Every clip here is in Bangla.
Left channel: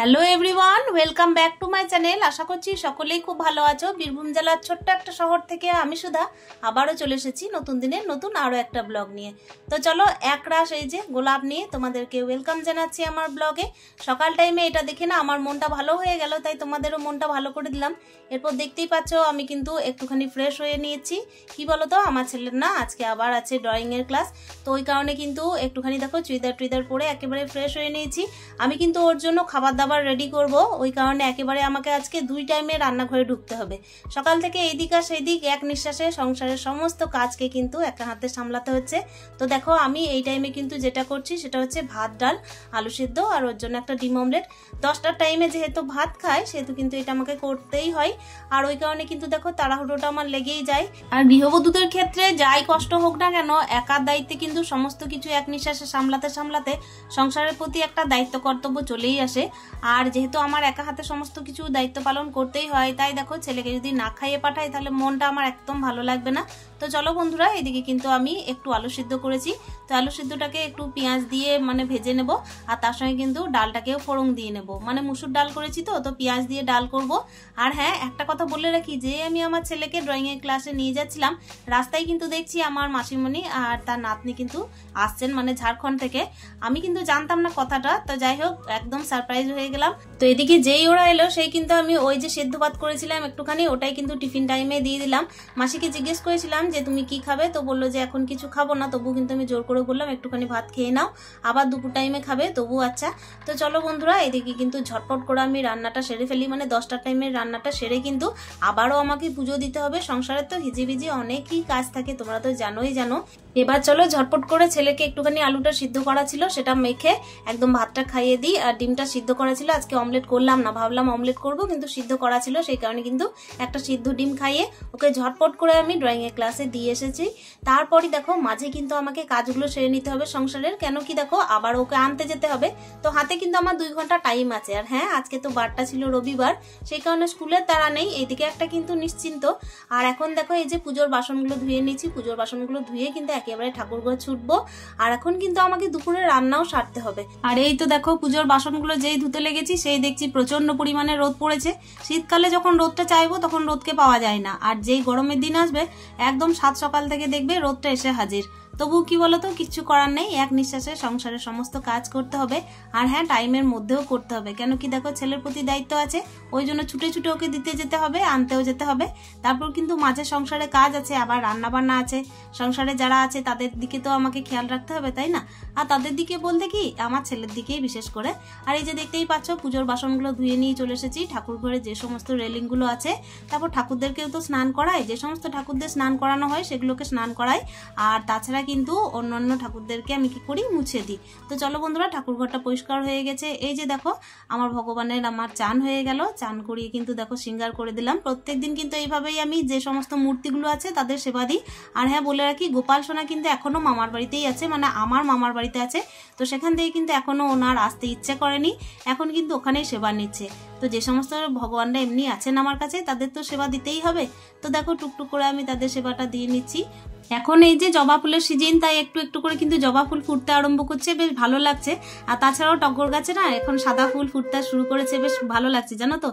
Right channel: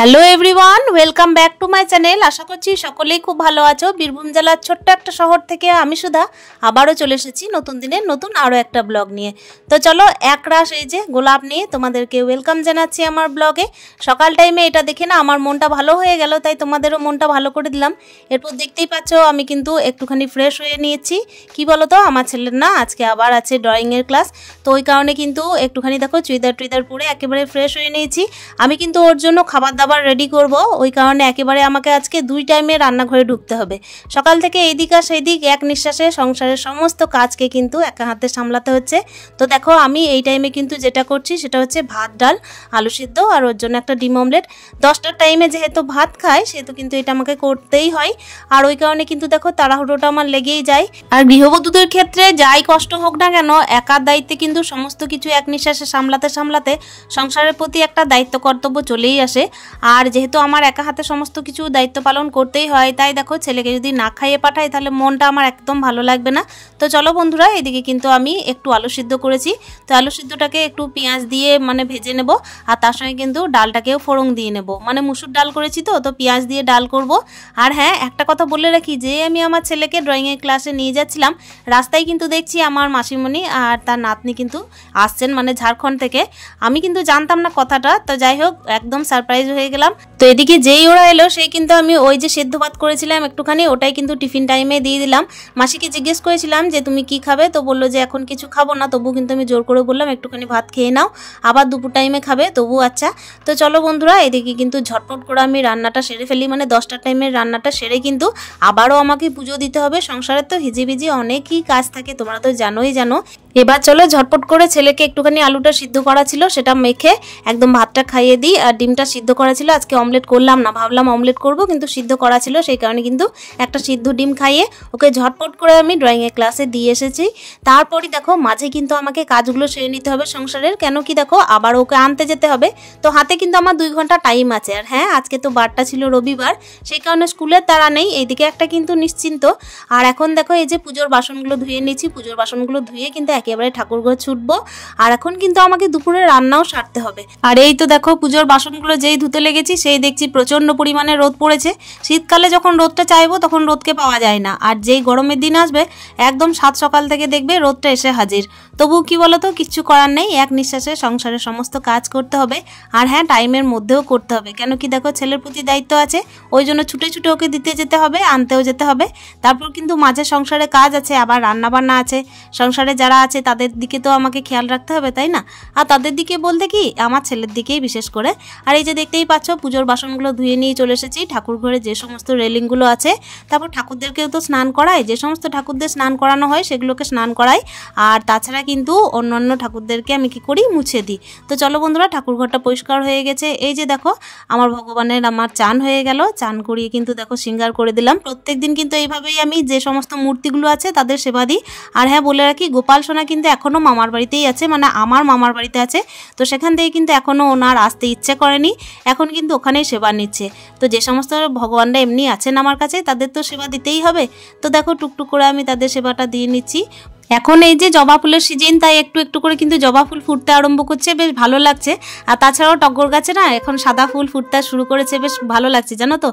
Hello everyone, welcome back to my channel. আশা করছি সকলেই খুব ভালো আছো। বীরভূম জেলার ছোট্ট একটা শহর থেকে আমি সুধা আবারও চলে এসেছি নতুন দিনের নতুন আরও একটা ব্লগ নিয়ে। তো চলো, একরাশ এই যে গোলাপ নিয়ে তোমাদেরকে ওয়েলকাম জানাচ্ছি আমার ব্লগে। সকাল টাইমে এটা দেখে না আমার মনটা ভালো হয়ে গেল, তাই তোমাদেরও মনটা ভালো করে দিলাম। এরপর দেখতেই পাচ্ছ আমি কিন্তু একটুখানি ফ্রেশ হয়ে নিয়েছি। কি বলো তো, আমার ছেলের না আজকে আবার আছে ড্রয়িংয়ের ক্লাস, তো ওই কারণে কিন্তু একটুখানি দেখো চুড়িদার টুইদার পরে একেবারে ফ্রেশ হয়ে নিয়েছি। আমি কিন্তু ওর জন্য খাবার দাবার রেডি করব, ওই কারণে একেবারে আমাকে আজকে 2 টাইমে রান্নাঘরে ঢুকতে হবে। সকাল থেকে এইদিক আর সেই দিক এক নিঃশ্বাসে সংসারের সমস্ত কাজকে কিন্তু একা হাতে সামলাতে হচ্ছে। তো দেখো আমি এই টাইমে কিন্তু যেটা করছি সেটা হচ্ছে ভাত, ডাল, আলু সিদ্ধ আর ওর জন্য একটা ডিম অমলেট। 10টার টাইমে যেহেতু ভাত খায় সেহেতু কিন্তু এটা আমাকে করতেই হয়, আর ওই কারণে কিন্তু দেখো তাড়াহুড়োটা আমার লেগেই যায়। আর গৃহবধূদের ক্ষেত্রে যাই কষ্ট হোক না কেন, একার দায়িত্বে কিন্তু সমস্ত কিছু এক নিঃশ্বাসে সামলাতে সামলাতে সংসারের প্রতি একটা দায়িত্ব কর্তব্য চলেই আসে। আর যেহেতু আমার একা হাতে সমস্ত কিছু দায়িত্ব পালন করতেই হয়, তাই দেখো ছেলেকে যদি না খাইয়ে পাঠাই তাহলে মনটা আমার একদম ভালো লাগবে না। তো চলো বন্ধুরা, এদিকে কিন্তু আমি একটু আলু সিদ্ধ করেছি, তো আলু সিদ্ধটাকে একটু পেঁয়াজ দিয়ে ভেজে নেব, আর তার সঙ্গে কিন্তু ডালটাকেও ফোড়ন দিয়ে নেব। মুসুর ডাল করেছি তো পেঁয়াজ দিয়ে ডাল করব। আর হ্যাঁ, একটা কথা বলে রাখি, যে আমি আমার ছেলেকে ড্রয়িংয়ের ক্লাসে নিয়ে যাচ্ছিলাম, রাস্তায় কিন্তু দেখছি আমার মাসিমণি আর তার নাতনি কিন্তু আসছেন, ঝাড়খণ্ড থেকে। আমি কিন্তু জানতাম না কথাটা, তো যাই হোক একদম সারপ্রাইজ হয়ে গেলাম। তো এদিকে যেই ওরা এলো সেই কিন্তু আমি ওই যে সেদ্ধ ভাত করেছিলাম একটুখানি, ওটাই কিন্তু টিফিন টাইমে দিয়ে দিলাম। মাসিকে জিজ্ঞেস করেছিলাম যে তুমি কি খাবে, তো বললো যে এখন কিছু খাবো না, তবু কিন্তু আমি জোর করে বললাম একটুখানি ভাত খেয়ে নাও, আবার দুপুর টাইমে খাবে, তবু আচ্ছা। তো চলো বন্ধুরা, এদিকে কিন্তু ঝটপট করে আমি রান্নাটা সেরে ফেলি, 10টার টাইমের রান্নাটা সেরে কিন্তু আবারও আমাকে পুজো দিতে হবে। সংসারের তো হিজিবিজি অনেকই কাজ থাকে, তোমরা তো জানোই জানো। এবার চলো ঝটপট করে ছেলেকে একটুখানি আলুটা সিদ্ধ করা ছিল সেটা মেখে একদম ভাতটা খাইয়ে দিই। আর ডিমটা সিদ্ধ করা ছিল, আজকে অমলেট করলাম না, ভাবলাম অমলেট করব কিন্তু সিদ্ধ করা ছিল, সেই কারণে কিন্তু একটা সিদ্ধ ডিম খাইয়ে ওকে ঝটপট করে আমি ড্রয়িংয়ের ক্লাসে দিয়ে এসেছি। তারপরই দেখো মাঝে কিন্তু আমাকে কাজগুলো সেরে নিতে হবে সংসারের, কেন কি দেখো আবার ওকে আনতে যেতে হবে, তো হাতে কিন্তু আমার 2 ঘন্টা টাইম আছে। আর হ্যাঁ, আজকে তো বারটা ছিল রবিবার, সেই কারণে স্কুলের তাড়া নেই, এইদিকে একটা কিন্তু নিশ্চিন্ত। আর এখন দেখো এই যে পুজোর বাসনগুলো ধুয়ে নিয়েছি, পুজোর বাসনগুলো ধুয়ে কিন্তু একেবারে ঠাকুরঘর ছুটবো। আর এখন কিন্তু আমাকে দুপুরে রান্নাও সারতে হবে। আর এই তো দেখো পুজোর বাসনগুলো যেই ধুতে লেগেছি সেই দেখছি প্রচন্ড পরিমাণে রোদ পড়েছে। শীতকালে যখন রোদটা চাইবো তখন রোদকে পাওয়া যায় না, আর যেই গরমের দিন আসবে একদম সাত সকাল থেকে দেখবে রোদটা এসে হাজির। তবু কি বলতো, কিচ্ছু করার নেই, এক নিঃশ্বাসে সংসারের সমস্ত কাজ করতে হবে। আর হ্যাঁ, টাইমের মধ্যেও করতে হবে, কেন কি দেখো ছেলের প্রতি দায়িত্ব আছে, ওই জন্য ছুটে ছুটে ওকে দিতে যেতে হবে, আনতেও যেতে হবে। তারপর কিন্তু মাঝে সংসারে কাজ আছে, আবার রান্না বান্না আছে, সংসারে যারা আছে তাদের দিকে তো আমাকে খেয়াল রাখতে হবে, তাই না? আর তাদের দিকে বলতে কি, আমার ছেলের দিকেই বিশেষ করে। আর এই যে দেখতেই পাচ্ছ পুজোর বাসনগুলো ধুয়ে নিয়ে চলে এসেছি। ঠাকুর ঘরে যে সমস্ত রেলিংগুলো আছে, তারপর ঠাকুরদেরকেও তো স্নান করাই, যে সমস্ত ঠাকুরদের স্নান করানো হয় সেগুলোকে স্নান করাই। আর তাছাড়া কিন্তু অন্যান্য ঠাকুরদেরকে আমি কি করি, মুছে দিই। তো চলো বন্ধুরা, ঠাকুর ঘরটা পরিষ্কার হয়ে গেছে। এই যে দেখো আমার ভগবানের আমার চান হয়ে গেল, চান করিয়ে কিন্তু দেখো সিঙ্গার করে দিলাম। প্রত্যেকদিন কিন্তু এইভাবেই আমি যে সমস্ত মূর্তিগুলো আছে তাদের সেবা দিই। আর হ্যাঁ, বলে রাখি গোপাল সোনা কিন্তু এখনও মামার বাড়িতেই আছে, আমার মামার বাড়িতে আছে, তো সেখান থেকে কিন্তু এখনও ওনার আসতে ইচ্ছে করেনি, এখন কিন্তু ওখানেই সেবা নিচ্ছে। তো যে সমস্ত ভগবানরা এমনি আছেন আমার কাছে তাদের তো সেবা দিতেই হবে। তো দেখো টুকটুক করে আমি তাদের সেবাটা দিয়ে নিচ্ছি। এখন এই যে জবা ফুলের সিজন, তাই একটু একটু করে কিন্তু জবা ফুল ফুটতে আরম্ভ করছে, বেশ ভালো লাগছে। আর তাছাড়াও টগর গাছে না এখন সাদা ফুল ফুটতে শুরু করেছে, বেশ ভালো লাগছে জানো তো।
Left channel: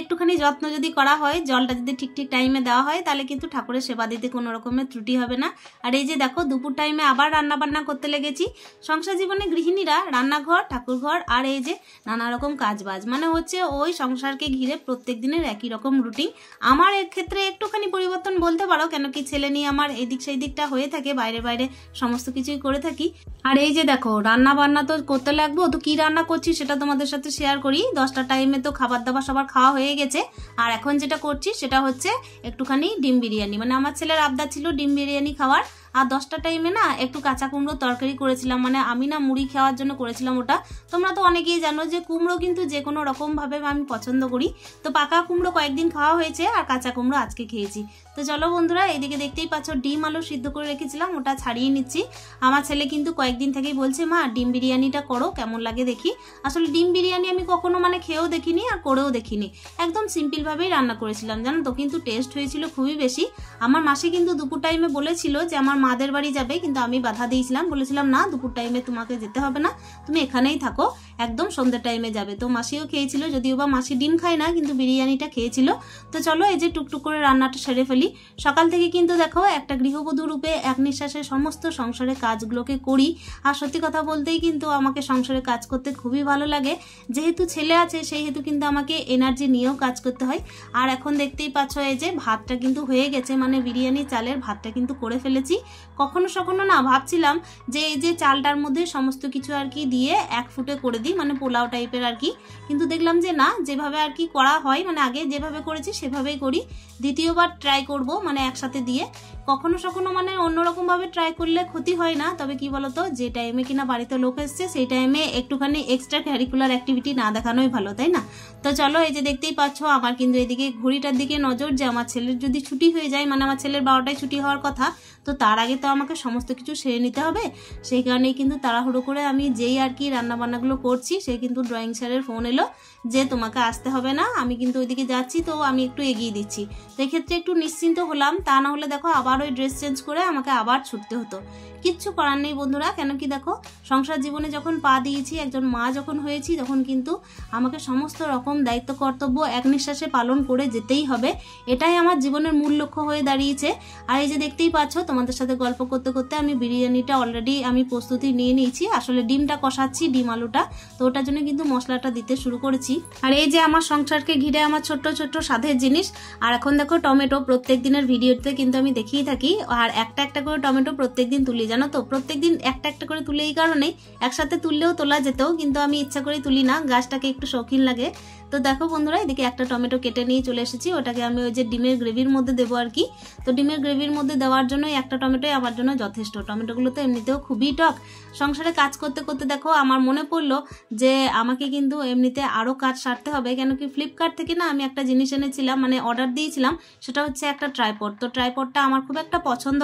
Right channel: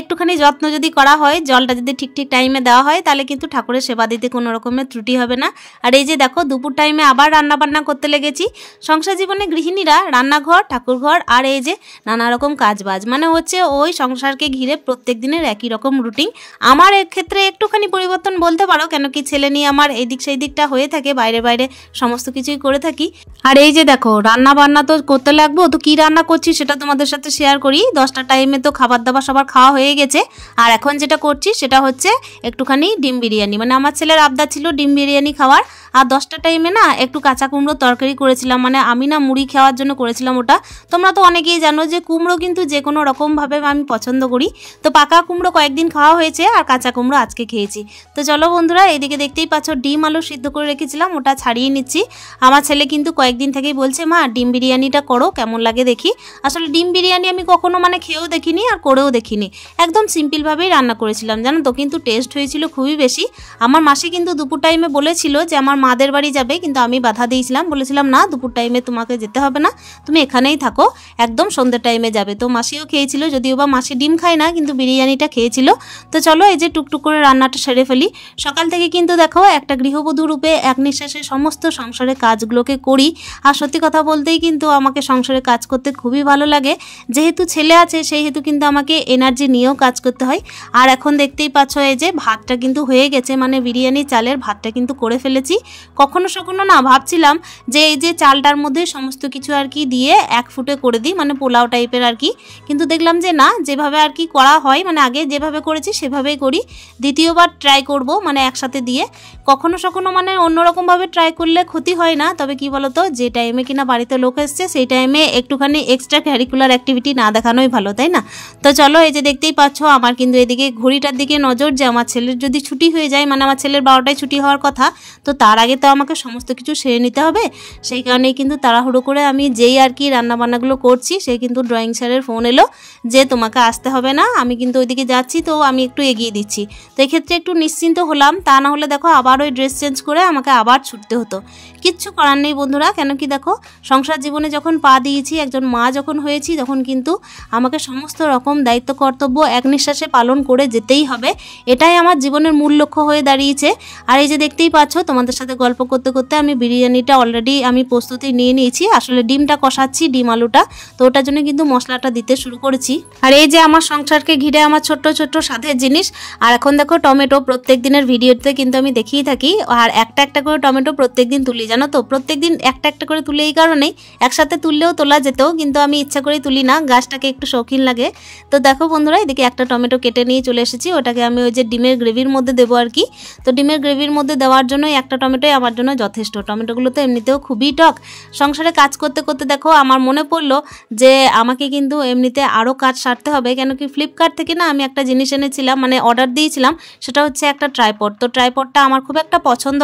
একটুখানি যত্ন যদি করা হয়, জলটা যদি ঠিক ঠিক টাইমে দেওয়া হয়, তাহলে কিন্তু ঠাকুরের সেবা দিতে কোনো রকমের ত্রুটি হবে না। আর এই যে দেখো দুপুর টাইমে আবার রান্না বান্না করতে লেগেছি। সংসার জীবনে গৃহিণীরা রান্নাঘর, ঠাকুরঘর আর এই যে নানা রকম কাজবাজ, হচ্ছে ওই সংসারকে ঘিরে প্রত্যেক দিনের একই রকম রুটিন। আমার এর ক্ষেত্রে একটুখানি পরিবর্তন বলতে পারো, কেন কি ছেলে নিয়ে আমার এই দিক সেই দিকটা হয়ে থাকে, বাইরে বাইরে সমস্ত কিছুই করে থাকি। আর এই যে দেখো রান্না বান্না তো করতে লাগবো, তো কি রান্না করছি সেটা তোমাদের সাথে শেয়ার করি। 10টার টাইমে তো খাবার দাবার সবার খাওয়া হয়ে গেছে, আর এখন যেটা করছি সেটা হচ্ছে একটুখানি ডিম বিরিয়ানি। আমার ছেলের আবদার ছিল ডিম বিরিয়ানি খাওয়ার। আর 10টা টাইমে না একটু কাঁচা কুমড়ো তরকারি করেছিলাম, মানে আমি না মুড়ি খাওয়ার জন্য করেছিলাম ওটা। তোমরা তো অনেকেই জানো যে কুমড়ো কিন্তু যে কোনো রকমভাবে আমি পছন্দ করি। তো পাকা কুমড়ো কয়েকদিন খাওয়া হয়েছে আর কাঁচা কুমড়ো আজকে খেয়েছি। তো চলো বন্ধুরা, এদিকে দেখতেই পাচ্ছ ডিম আলু সিদ্ধ করে রেখেছিলাম, ওটা ছাড়িয়ে নিচ্ছি। আমার ছেলে কিন্তু কয়েকদিন থেকেই বলছে মা ডিম বিরিয়ানিটা করো, কেমন লাগে দেখি। আসলে ডিম বিরিয়ানি আমি কখনো মানে খেয়েও দেখিনি আর করেও দেখিনি, একদম সিম্পলভাবেই রান্না করেছিলাম জানো তো, কিন্তু টেস্ট হয়েছিল খুবই বেশি। আমার মাসি কিন্তু দুপুর টাইমে বলেছিল যে আমার মাদের বাড়ি যাবে, কিন্তু আমি বাধা দিয়েছিলাম, বলেছিলাম না দুপুর টাইমে তোমাকে যেতে হবে না, তুমি এখানেই থাকো, একদম সন্ধ্যের টাইমে যাবে। তো মাসিও খেয়েছিল, যদিও বা মাসি ডিম খায় না, কিন্তু বিরিয়ানিটা খেয়েছিল। তো চলো এই যে টুকটুক করে রান্নাটা সেরে ফেলি। সকাল থেকে কিন্তু দেখো একটা গৃহবধূ রূপে এক নিঃশ্বাসে সমস্ত সংসারের কাজগুলোকে করি। আর সত্যি কথা বলতেই কিন্তু আমাকে সংসারে কাজ করতে খুবই ভালো লাগে, যেহেতু ছেলে আছে সেই হেতু কিন্তু আমাকে এনার্জি নিয়েও কাজ করতে হয়। আর এখন দেখতেই পাচ্ছ এই যে ভাতটা কিন্তু হয়ে গেছে, মানে বিরিয়ানি চালের ভাতটা কিন্তু করে ফেলেছি। কখনো না ভাবছিলাম যে এই যে চালটার মধ্যে সমস্ত কিছু আর কি দিয়ে এক ফুটে করে দিই, মানে পোলাও টাইপের আর কি, কিন্তু দেখলাম যে না, যেভাবে আর কি করা হয় মানে আগে যেভাবে করেছি সেভাবেই করি। দ্বিতীয়বার ট্রাই করব মানে একসাথে দিয়ে। কখনো মানে অন্যরকমভাবে ট্রাই করলে ক্ষতি হয় না, তবে কি বলতো, যে টাইমে কিনা বাড়িতে লোক এসছে সেই টাইমে একটুখানি এক্সট্রা ক্যারিকুলার অ্যাক্টিভিটি না দেখানোই ভালো, তাই না? তো চলো এই যে দেখতেই পাচ্ছ আমার কিন্তু এদিকে ঘড়িটার দিকে নজর, যে আমার ছেলের যদি ছুটি হয়ে যায়, মানে আমার ছেলের 12টায় ছুটি হওয়ার কথা, তো তার আগে তো আমাকে সমস্ত কিছু সেরে নিতে হবে। সেই কারণেই কিন্তু তাড়াহুড়ো করে আমি যেই আর কি রান্নাবান্নাগুলো করছি, সেই কিন্তু ড্রয়িং স্যারের ফোন এলো যে তোমাকে আসতে হবে না, আমি কিন্তু ওইদিকে যাচ্ছি, তো আমি একটু এগিয়ে দিচ্ছি। তো এক্ষেত্রে একটু নিশ্চিন্ত হলাম, তা না হলে দেখো আবার ওই ড্রেস চেঞ্জ করে আমাকে আবার ছুটতে হতো। কিচ্ছু করার নেই বন্ধুরা, কেন কি দেখো সংসার জীবনে যখন পা দিয়েছি, একজন মা যখন হয়েছি, তখন কিন্তু আমাকে সমস্ত রকম দায়িত্ব কর্তব্য এক নিঃশ্বাসে পালন করে যেতেই হবে। এটাই আমার জীবনের মূল লক্ষ্য হয়ে দাঁড়িয়েছে। আর এই যে দেখতেই পাচ্ছ তোমাদের সাথে গল্প করতে করতে আমি বিরিয়ানিটা অলরেডি আমি প্রস্তুতি নিয়ে নিয়েছি। আসলে ডিমটা কষাচ্ছি, ডিম আলুটা, তো ওটার জন্য কিন্তু মশলাটা দিতে শুরু করেছি। আর এই যে আমার সংসারকে ঘিরে আমার ছোট্ট ছোট্ট স্বাদের জিনিস। আর এখন দেখো টমেটো প্রত্যেক দিনের ভিডিওতে কিন্তু আমি দেখিয়ে থাকি, আর একটা একটা করে টমেটো প্রত্যেক দিন তুলি জানো তো। প্রত্যেক দিন একটা একটা করে তুলে এই কারণেই, একসাথে তুললেও তোলা যেত, কিন্তু আমি ইচ্ছা করেই তুলি না, গাছটাকে একটু শৌখিন লাগে। তো দেখো বন্ধুরা, এদিকে একটা টমেটো কেটে নিয়ে চলে এসেছি, ওটাকে আমি ওই যে ডিমের গ্রেভির মধ্যে দেবো আর কি। তো ডিমের গ্রেভির মধ্যে দেওয়ার জন্য একটা টমেটোই আমার জন্য যথেষ্ট। টমেটোগুলো তো এমনিতেও খুবই টক। সংসারে কাজ করতে করতে দেখো আমার মনে পড়লো যে আমাকে কিন্তু এমনিতে আরও কাজ সারতে হবে, কেন কি ফ্লিপকার্ট থেকে না আমি একটা জিনিস এনেছিলাম, মানে অর্ডার দিয়েছিলাম, সেটা হচ্ছে একটা ট্রাইপড। তো ট্রাইপডটা আমার খুব একটা পছন্দ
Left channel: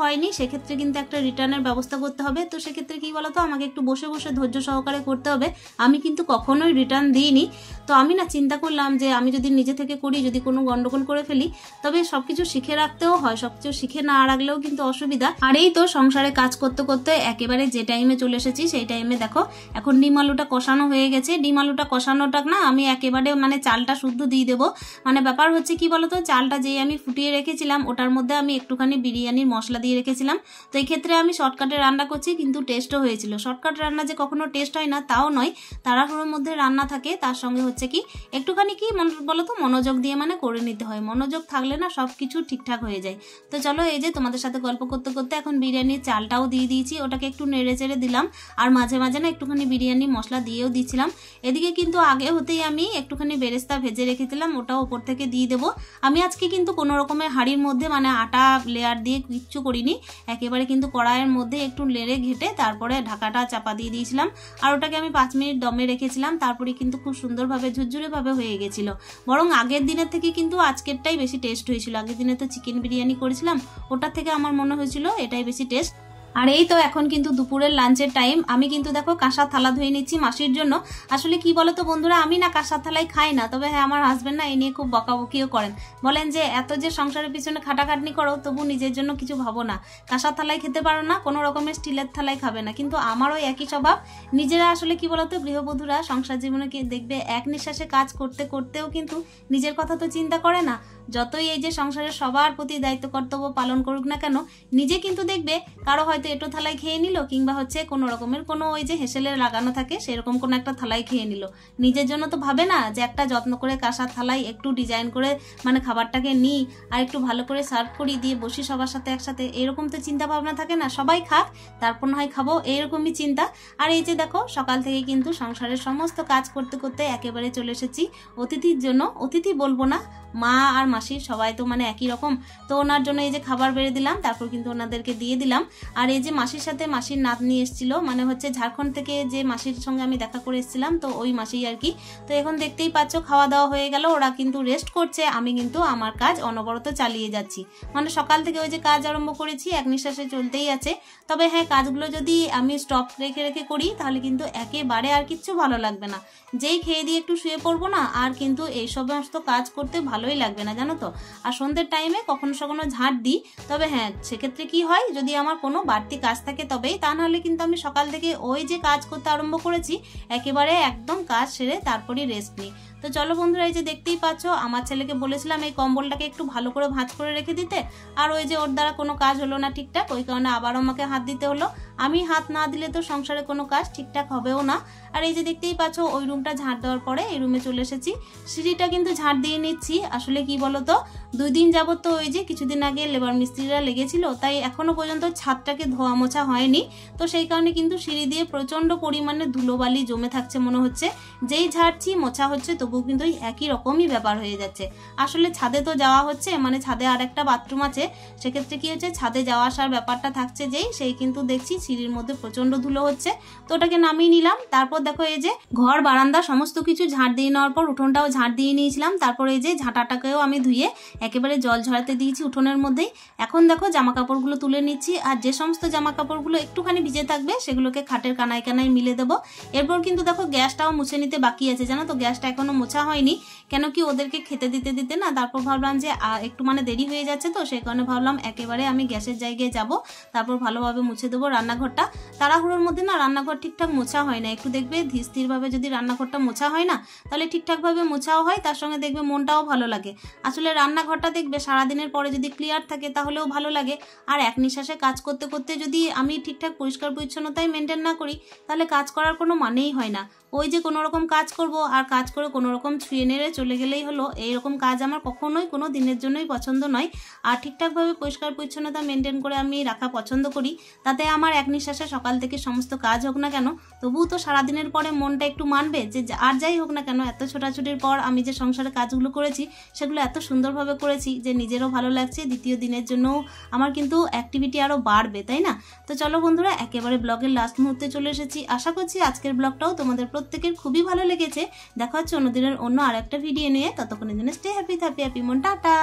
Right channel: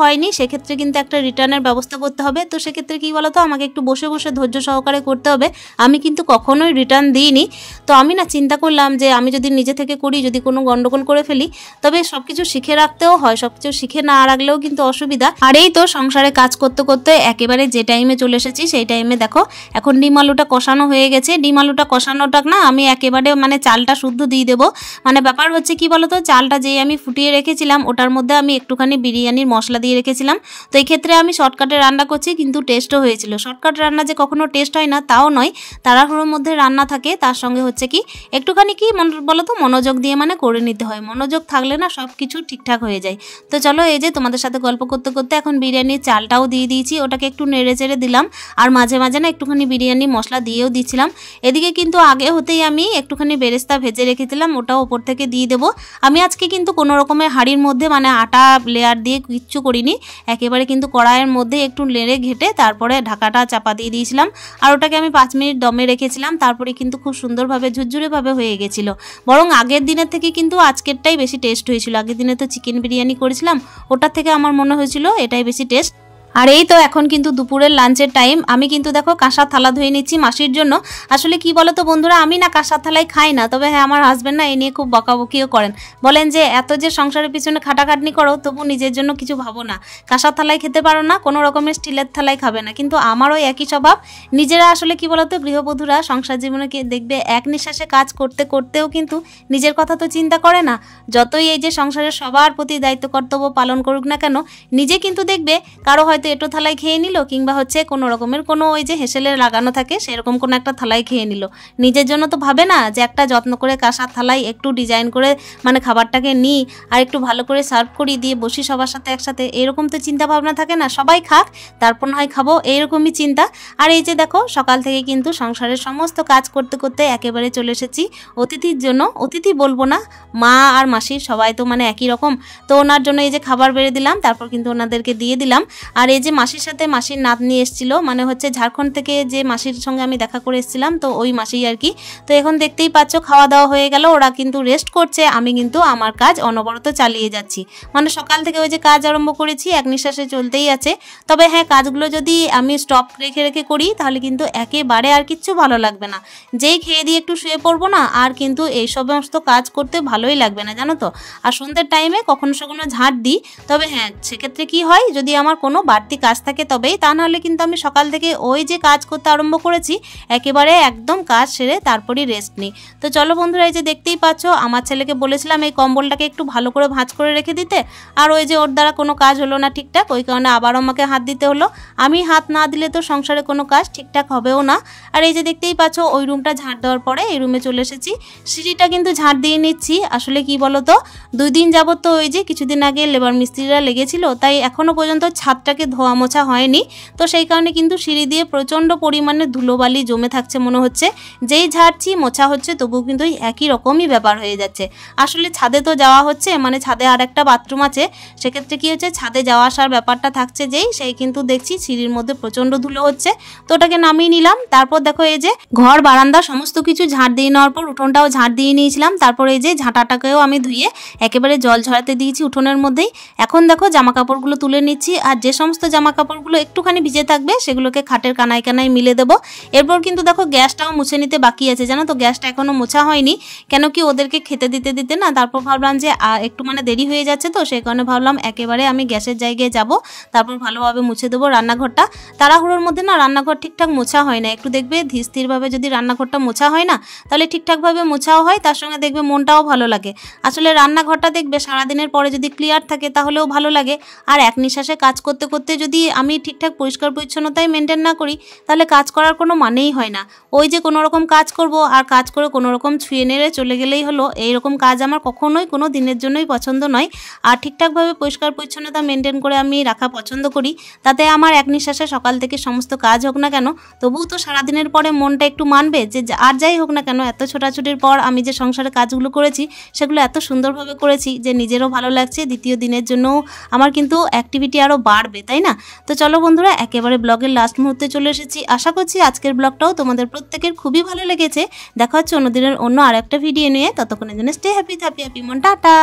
হয়নি, সেক্ষেত্রে কিন্তু একটা রিটার্নের ব্যবস্থা করতে হবে। তো সেক্ষেত্রে কী বলতো, আমাকে একটু বসে বসে ধৈর্য সহকারে করতে হবে। আমি কিন্তু কখনোই রিটার্ন দিইনি। তো আমি না চিন্তা করলাম যে আমি যদি নিজে থেকে করি, যদি কোনো গন্ডগোল করে ফেলি, তবে সব কিছু শিখে রাখতেও হয়, সব কিছু শিখে না রাখলেও কিন্তু অসুবিধা। আর এই তো সংসারে কাজ করতে করতে একেবারে যে টাইমে চলে এসেছি, সেই টাইমে দেখো এখন ডিম আলুটা কষানো হয়ে গেছে। ডিম আলুটা কষানোটা না আমি একেবারে মানে চালটা শুদ্ধ দিয়ে দেবো। মানে ব্যাপার হচ্ছে কি বলতো, চালটা যেই আমি ফুটিয়ে রেখেছিলাম ওটার মধ্যে আমি একটুখানি বিরিয়ানির মশলা দিয়ে রেখেছিলাম। তো এই ক্ষেত্রে আমি শর্টকাটে রান্না করছি, কিন্তু টেস্টও হয়েছিল। শর্টকাট রান্না যে কখনো টেস্ট হয় না তাও নয়, তাড়াহুড়োর মধ্যে রান্না থাকে, তার সঙ্গে হচ্ছে কি একটুখানি কি বলতো মনোযোগ দিয়ে মানে করে নিতে হয়। মনোযোগ থাকলে না সব কিছু ঠিকঠাক হয়ে যায়। তো চলো এই যে তোমাদের সাথে গল্প করতে করতে এখন বিরিয়ানির চালটাও দিয়ে দিয়েছি, ওটাকে একটু নেড়ে চেড়ে দিলাম, আর মাঝে মাঝে না একটুখানি বিরিয়ানি মশলা দিয়েও দিচ্ছিলাম। এদিকে কিন্তু আগে হতেই আমি একটুখানি বেরেস্তা ভেজে রেখেছিলাম, ওটাও ওপর থেকে দিয়ে দেবো। আমি আজকে কিন্তু কোনো রকমের হাঁড়ির মধ্যে মানে আটা লেয়ার দিয়ে কিচ্ছু করিনি, একেবারে কিন্তু কড়াইয়ের মধ্যে একটু নেড়ে ঘেটে তারপরে ঢাকাটা চাপা দিয়ে দিয়েছিলাম। আর ওটাকে আমি 5 মিনিট দমে রেখেছিলাম, তারপরে কিন্তু খুব সুন্দরভাবে ঝুরঝুরেভাবে হয়ে গেছিলো। বরং আগের দিনের থেকে কিন্তু আজকেরটাই বেশি টেস্ট হয়েছিল। আগের দিনে তো চিকেন বিরিয়ানি করেছিলাম, ওটার থেকে আমার মনে হয়েছিল এটাই বেশি টেস্ট। আর এই তো এখন কিন্তু দুপুরের লাঞ্চের টাইম। আমি কিন্তু দেখো কাঁসার থালা ধুয়ে নিচ্ছি মাসির জন্য। আসলে কি বলো তো বন্ধুরা, আমি না কাঁসার থালায় খাই না, তবে হ্যাঁ আমার হাজব্যান্ড না এই নিয়ে খুব বকাবকিও করেন, বলেন যে এত যে সংসারের পিছনে খাটাখাটনি করো তবু নিজের জন্য কিছু ভাবো না, কাঁসার থালায় খেতে পারো না, কোনো রকমের স্টিলের থালায় খাবে না। কিন্তু আমারও একই স্বভাব। নিজেরা আসলে কি বলতো গৃহবধূরা সংসার জীবনে দেখবে এক নিঃশ্বাসে কাজ করতে করতেও কিন্তু নিজের কথা তো চিন্তা করে না। যতই এই যে সংসারের সবার প্রতি দায়িত্ব কর্তব্য পালন করুক না কেন, নিজে কিন্তু দেখবে কারো হয়তো হয়তো এঁটো থালায় খেয়ে নিল, কিংবা হচ্ছে কোনো রকমের কোনো ওই যে হেসেলে লাগানো থাকে সেরকম কোনো একটা থালায় খেয়ে নিল। নিজের জন্য তো ভাবে না যে একটা যত্ন করে কাঁসার থালায় একটু ডিজাইন করে মানে খাবারটাকে নিই আর একটু ভালো করে সার্ভ করি, দিয়ে বসি সবার সাথে একসাথে, এরকম তো চিন্তা ভাবনা থাকে না। সবাই খাক তারপর না হয় খাবো, এইরকমই চিন্তা। আর এই যে দেখো সকাল থেকে কিন্তু সংসারের সমস্ত কাজ করতে করতে একেবারে চলে এসেছি অতিথির জন্য। অতিথি বলবো না, মা আর মাসির সবাই তো মানে একই রকম। তো ওনার জন্য এই যে খাবার বেড়ে দিলাম, তারপর কিন্তু ওনাদেরকে দিয়ে দিলাম। আর এই যে মাসির সাথে মাসির নাতনি এসেছিল, মানে হচ্ছে ঝাড়খণ্ড থেকে যে মাসির সঙ্গে আমি দেখা করে এসেছিলাম, তো ওই মাসি আর কি। তো এখন দেখতেই পাচ্ছ খাওয়া দাওয়া হয়ে গেল, ওরা কিন্তু রেস্ট করছে, আমি কিন্তু আমার কাজ অনবরত চালিয়ে যাচ্ছি। মানে সকাল থেকে ওই যে কাজ আরম্ভ করেছি এক নিঃশ্বাসে চলতেই আছে। তবে হ্যাঁ, কাজগুলো যদি আমি স্টপ রেখে রেখে করি তাহলে কিন্তু একেবারে আর কিচ্ছু ভালো লাগবে না। যেই খেয়ে দিয়ে একটু শুয়ে পড়বো না, আর কিন্তু এই সমস্ত কাজ করতে ভালোই লাগবে না, জানো তো। আর সন্ধ্যের টাইমে কখনো কখনো ঝাঁট দিই, তবে হ্যাঁ সেক্ষেত্রে কি হয়, যদি আমার কোনো বাড়তি কাজ থাকে তবেই, তা নাহলে কিন্তু আমি সকাল থেকে ওই যে কাজ করতে আরম্ভ করেছি একেবারে একদম কাজ সেরে তারপরই রেস্ট নিই। তো চলো বন্ধুরা, এই যে দেখতেই পাচ্ছ আমার ছেলেকে বলেছিলাম এই কম্বলটাকে একটু ভালো করে ভাঁজ করে রেখে দিতে, আর ওই যে ওর দ্বারা কোনো কাজ হলো না ঠিকঠাক, ওই কারণে আবার আমাকে হাত দিতে হলো। আমি হাত না দিলে তো সংসারে কোনো কাজ ঠিকঠাক হবেও না। আর এই যে দেখতেই পাচ্ছ ওই রুমটা ঝাঁট দেওয়ার পরে এই রুমে চলে এসেছি, সিঁড়িটা কিন্তু ঝাঁট দিয়ে নিচ্ছি। আসলে কি বলো তো, 2 দিন যাবত তো ওই যে কিছুদিন আগে লেবার মিস্ত্রিরা লেগেছিল, তাই এখনো পর্যন্ত ছাদটাকে ধোয়া মোছা হয়নি। তো সেই কারণে কিন্তু সিঁড়ি দিয়ে প্রচণ্ড পরিমাণে ধুলোবালি জমে থাকছে মনে হচ্ছে। যেই ঝাড়ছি মোছা হচ্ছে তবুও কিন্তু একই রকমই ব্যাপার হয়ে যাচ্ছে। আসলে ছাদে তো যাওয়া হচ্ছে, মানে ছাদে আর একটা বাথরুম আছে, সেক্ষেত্রে কি হচ্ছে ছাদে যাওয়া আসার ব্যাপারটা থাকছে যেই, সেই কিন্তু দেখছি সিঁড়ির মধ্যে প্রচণ্ড ধুলো হচ্ছে। তো ওটাকে নামিয়ে নিলাম। তারপর দেখো এই যে ঘর বারান্দা সমস্ত কিছু ঝাঁট দিয়ে নেওয়ার পর উঠোনটাও ঝাঁট দিয়ে নিয়েছিলাম। তারপর এই যে ঝাঁটাটাকেও আমি ধুয়ে একেবারে জল ঝরাতে দিয়েছি উঠোনের মধ্যেই। এখন দেখো জামা কাপড়গুলো তুলে নিচ্ছি, আর যে সমস্ত জামা কাপড়গুলো একটুখানি ভিজে থাকবে সেগুলোকে খাটের কানায় কানায় মিলে দেবো। এরপর কিন্তু দেখো গ্যাসটাও মুছে নিতে বাকি আছে, জানো তো, গ্যাসটা এখনো মোছা হয়নি। কেন কি ওদেরকে খেতে দিতে দিতে না, তারপর ভাবলাম যে একটু মানে দেরি হয়ে যাচ্ছে, তো সেই কারণে ভাবলাম একেবারে আমি গ্যাসের জায়গায় যাব, তারপর ভালোভাবে মুছে দেবো রান্নাঘরটা। তাড়াহুড়োর মধ্যে না রান্নাঘর ঠিকঠাক মোছা হয় না, একটু দেখবে ধীর স্থিরভাবে যদি রান্নাঘরটা মোছা হয় না তাহলে ঠিকঠাকভাবে মোছাও হয়, তার সঙ্গে দেখবে মনটাও ভালো লাগে। আসলে রান্নাঘরটা দেখবে সারাদিনের পরে যদি ক্লিয়ার থাকে তাহলেও ভালো লাগে। আর এক নিঃশ্বাসে কাজ করতে করতে যদি আমি ঠিকঠাক পরিষ্কার পরিচ্ছন্নতাই মেনটেন না করি তাহলে কাজ করার কোনো মানেই হয় না। ওই যে কোনো রকম কাজ করব আর কাজ করে কোনো রকম ছুঁয়ে নেড়ে চলে গেলেই হলো, এইরকম কাজ আমার কখনোই কোনো দিনের জন্যই পছন্দ নয়। আর ঠিকঠাকভাবে পরিষ্কার পরিচ্ছন্নতা মেনটেন করে আমি রাখা পছন্দ করি, তাতে আমার এক নিঃশ্বাসে সকাল থেকে সমস্ত কাজ হোক না কেন তবুও তো সারাদিনের পরে মনটা একটু মানবে যে আর যাই হোক না কেন এত ছোটাছুটির পর আমি যে সংসারে কাজগুলো করেছি সেগুলো এত সুন্দরভাবে করেছি যে নিজেরও ভালো লাগছে, দ্বিতীয় দিনের জন্যও আমার কিন্তু অ্যাক্টিভিটি আরও বাড়বে, তাই না? তো চলো বন্ধুরা, একেবারে ব্লগের লাস্ট মুহূর্তে চলে এসেছি। আশা করছি আজকের ব্লগটাও তোমাদের প্রত্যেকের খুবই ভালো লেগেছে। দেখা হচ্ছে অন্যদিনের অন্য আর একটা ভিডিও নিয়ে, ততক্ষণের জন্য স্টে হ্যাপি মন, টাটা।